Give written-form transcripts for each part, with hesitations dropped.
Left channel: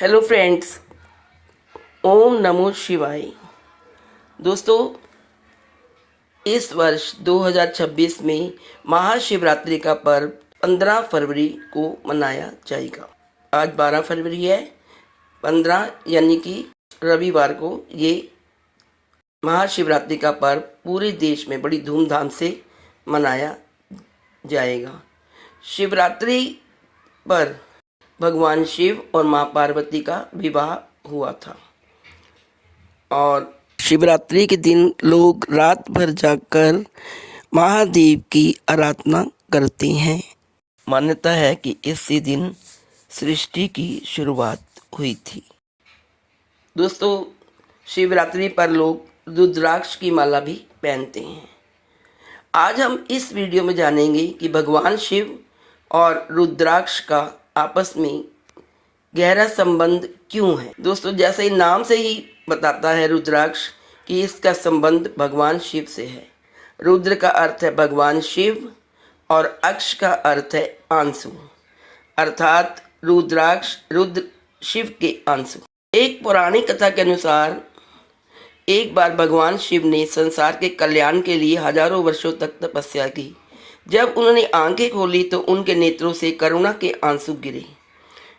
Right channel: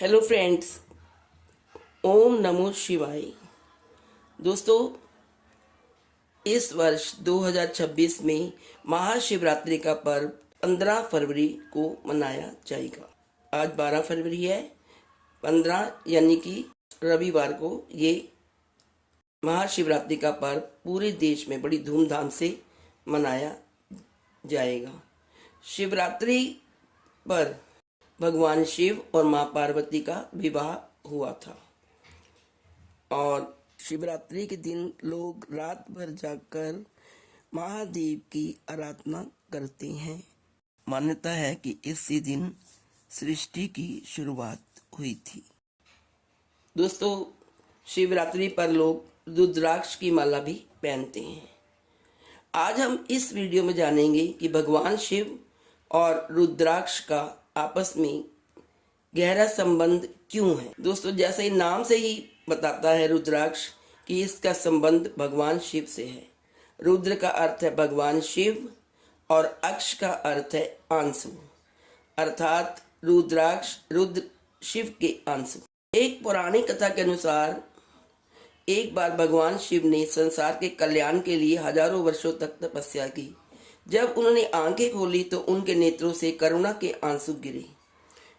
Hello friends, ओम नमो शिवाय। दोस्तों, इस वर्ष 2026 में महाशिवरात्रि का पर्व 15 फरवरी को मनाया जाएगा। आज 12 फरवरी है। 15 यानी कि रविवार को ये महाशिवरात्रि का पर्व पूरे देश में बड़ी धूमधाम से मनाया जाएगा। शिवरात्रि पर भगवान शिव और माँ पार्वती का विवाह हुआ था और शिवरात्रि के दिन लोग रात भर जागकर महादेव की आराधना करते हैं। मान्यता है कि इसी दिन सृष्टि की शुरुआत हुई थी। दोस्तों, शिवरात्रि पर लोग रुद्राक्ष की माला भी पहनते हैं। आज हम इस वीडियो में जानेंगे कि भगवान शिव और रुद्राक्ष का आपस में गहरा संबंध क्यों है। दोस्तों, जैसे ही नाम से ही बताता है रुद्राक्ष कि इसका संबंध भगवान शिव से है। रुद्र का अर्थ है भगवान शिव और अक्ष का अर्थ है आंसू, अर्थात रुद्राक्ष रुद्र शिव के आंसू। एक पौराणिक कथा के अनुसार एक बार भगवान शिव ने संसार के कल्याण के लिए हजारों वर्षों तक तपस्या की। जब उन्होंने आंखें खोली तो उनके नेत्रों से करुणा के आंसू गिरे।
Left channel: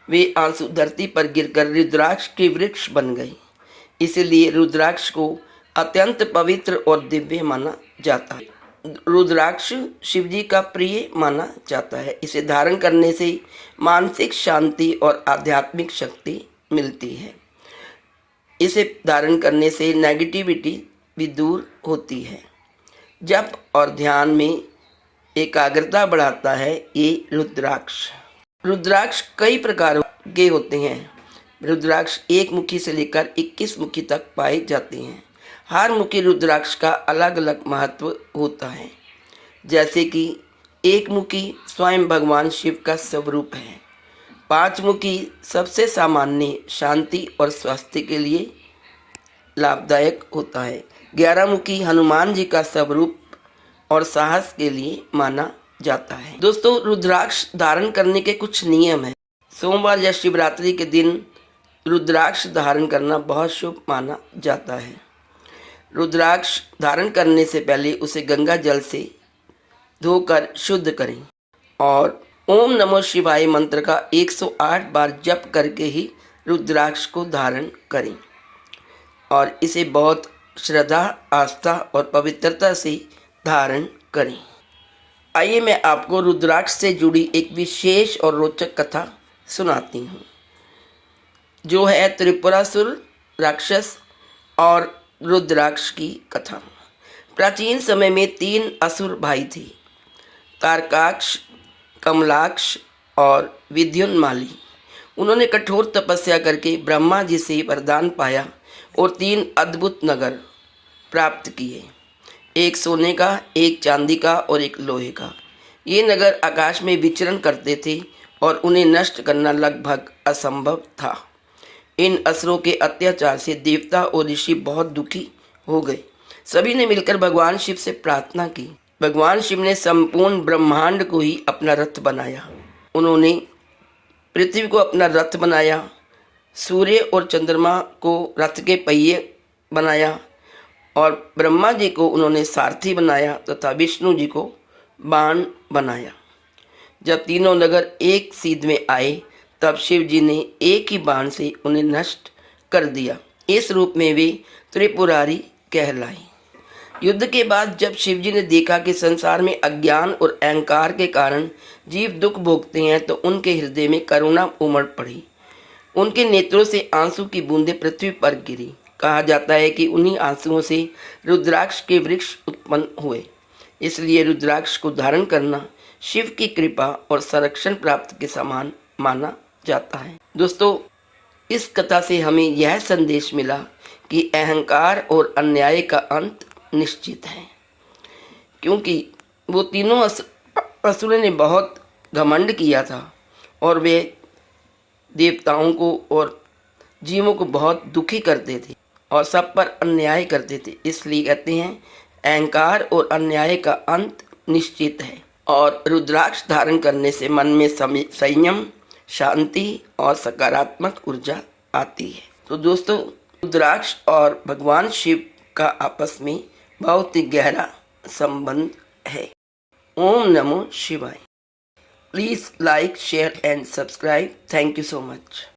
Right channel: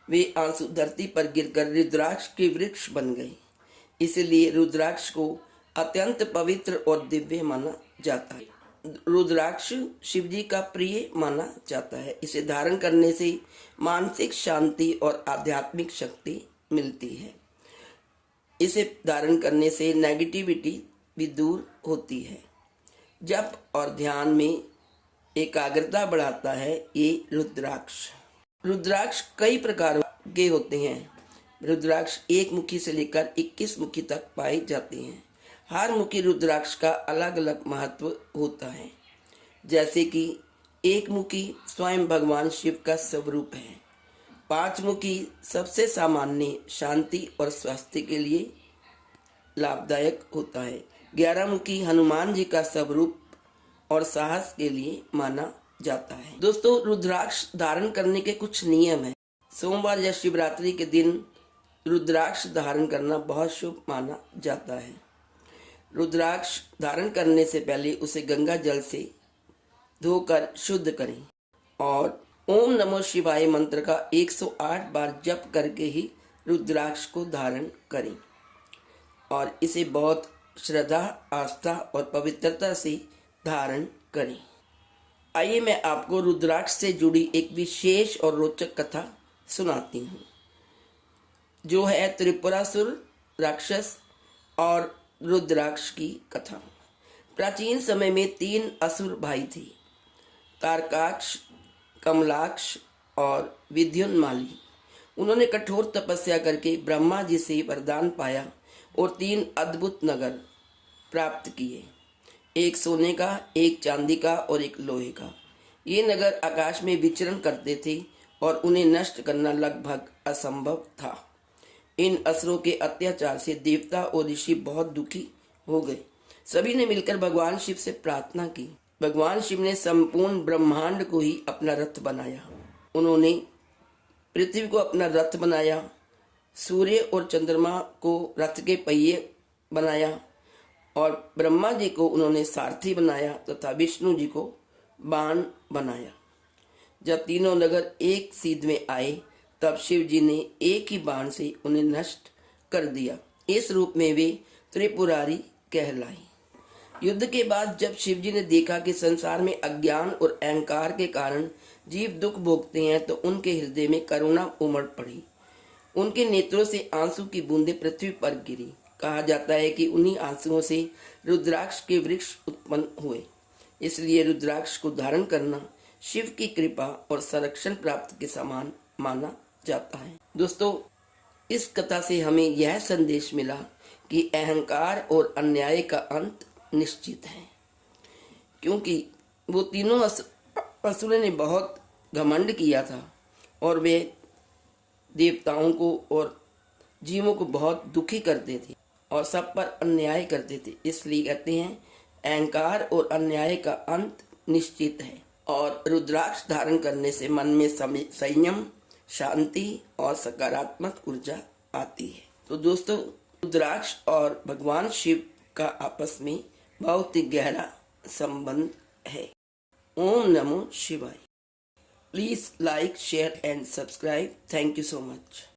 वे आंसू धरती पर गिरकर रुद्राक्ष के वृक्ष बन गए। इसलिए रुद्राक्ष को अत्यंत पवित्र और दिव्य माना जाता है। रुद्राक्ष शिवजी का प्रिय माना जाता है। इसे धारण करने से मानसिक शांति और आध्यात्मिक शक्ति मिलती है। इसे धारण करने से नेगेटिविटी भी दूर होती है। जप और ध्यान में एकाग्रता बढ़ाता है ये रुद्राक्ष। रुद्राक्ष कई प्रकार के होते हैं। रुद्राक्ष एक मुखी से लेकर 21 मुखी तक पाए जाते हैं। हर मुखी रुद्राक्ष का अलग अलग महत्व होता है। जैसे कि एक मुखी स्वयं भगवान शिव का स्वरूप है। 5 मुखी सबसे सामान्य शांति और स्वास्थ्य के लिए लाभदायक होता है। 11 मुखी हनुमान जी का स्वरूप और साहस के लिए माना जाता है। दोस्तों, रुद्राक्ष धारण करने के कुछ नियम हैं। सोमवार या शिवरात्रि के दिन रुद्राक्ष धारण करना बहुत शुभ माना जाता है। रुद्राक्ष धारण करने से पहले उसे गंगा जल से धोकर शुद्ध करें और ओम नमो शिवाय मंत्र का 108 बार जप करके ही रुद्राक्ष को धारण करें और इसे बहुत श्रद्धा, आस्था और पवित्रता से धारण करें। आइए मैं आपको रुद्राक्ष से जुड़ी एक विशेष और रोचक कथा सुनाती हूँ, जो है त्रिपुरासुर राक्षस और रुद्राक्ष की कथा। प्राचीन समय में 3 असुर भाई थे, तारकाक्ष, कमलाक्ष और विद्युन्माली। उन्होंने कठोर तपस्या करके ब्रह्मा जी से वरदान पाया और 3 अद्भुत नगर प्राप्त किए, एक सोने का, एक चांदी का और एक लोहे का। ये नगर आकाश में विचरण करते थे और उन्हें नष्ट करना लगभग असंभव था। इन असुरों के अत्याचार से देवता और ऋषि बहुत दुखी हो गए। सभी ने मिलकर भगवान शिव से प्रार्थना की। भगवान शिव ने संपूर्ण ब्रह्मांड को ही अपना रथ बनाया। उन्होंने पृथ्वी को अपना रथ बनाया, सूर्य और चंद्रमा को रथ के पहिए बनाया और ब्रह्मा जी को उन्होंने सारथी बनाया तथा विष्णु जी को बाण बनाया। जब तीनों नगर एक सीध में आए तब शिव जी ने एक ही बाण से उन्हें नष्ट कर दिया। इस रूप में वे त्रिपुरारी कहलाई। युद्ध के बाद जब शिव जी ने देखा कि संसार में अज्ञान और अहंकार के कारण जीव दुख भोगते हैं तो उनके हृदय में करुणा उमड़ पड़ी। उनके नेत्रों से आंसू की बूंदें पृथ्वी पर गिरी। कहा जाता है कि उन्हीं आंसुओं से रुद्राक्ष के वृक्ष उत्पन्न हुए। इसलिए रुद्राक्ष को धारण करना शिव की कृपा और संरक्षण प्राप्त के समान माना जाता है। दोस्तों, इस कथा से हमें यह संदेश मिला कि अहंकार और अन्याय का अंत निश्चित है, क्योंकि वो तीनों असुरों ने बहुत घमंड किया था और वे देवताओं को और जीवों को बहुत दुखी करते थे और सब पर अन्याय करते थे। इसलिए कहते हैं अहंकार और अन्याय का अंत निश्चित है। और रुद्राक्ष धारण करने से मन में संयम, शांति और सकारात्मक ऊर्जा आती है। तो दोस्तों, रुद्राक्ष और भगवान शिव का आपस में बहुत ही गहरा संबंध है। ओम नमो शिवाय। Please like, share and subscribe. Thank you so much.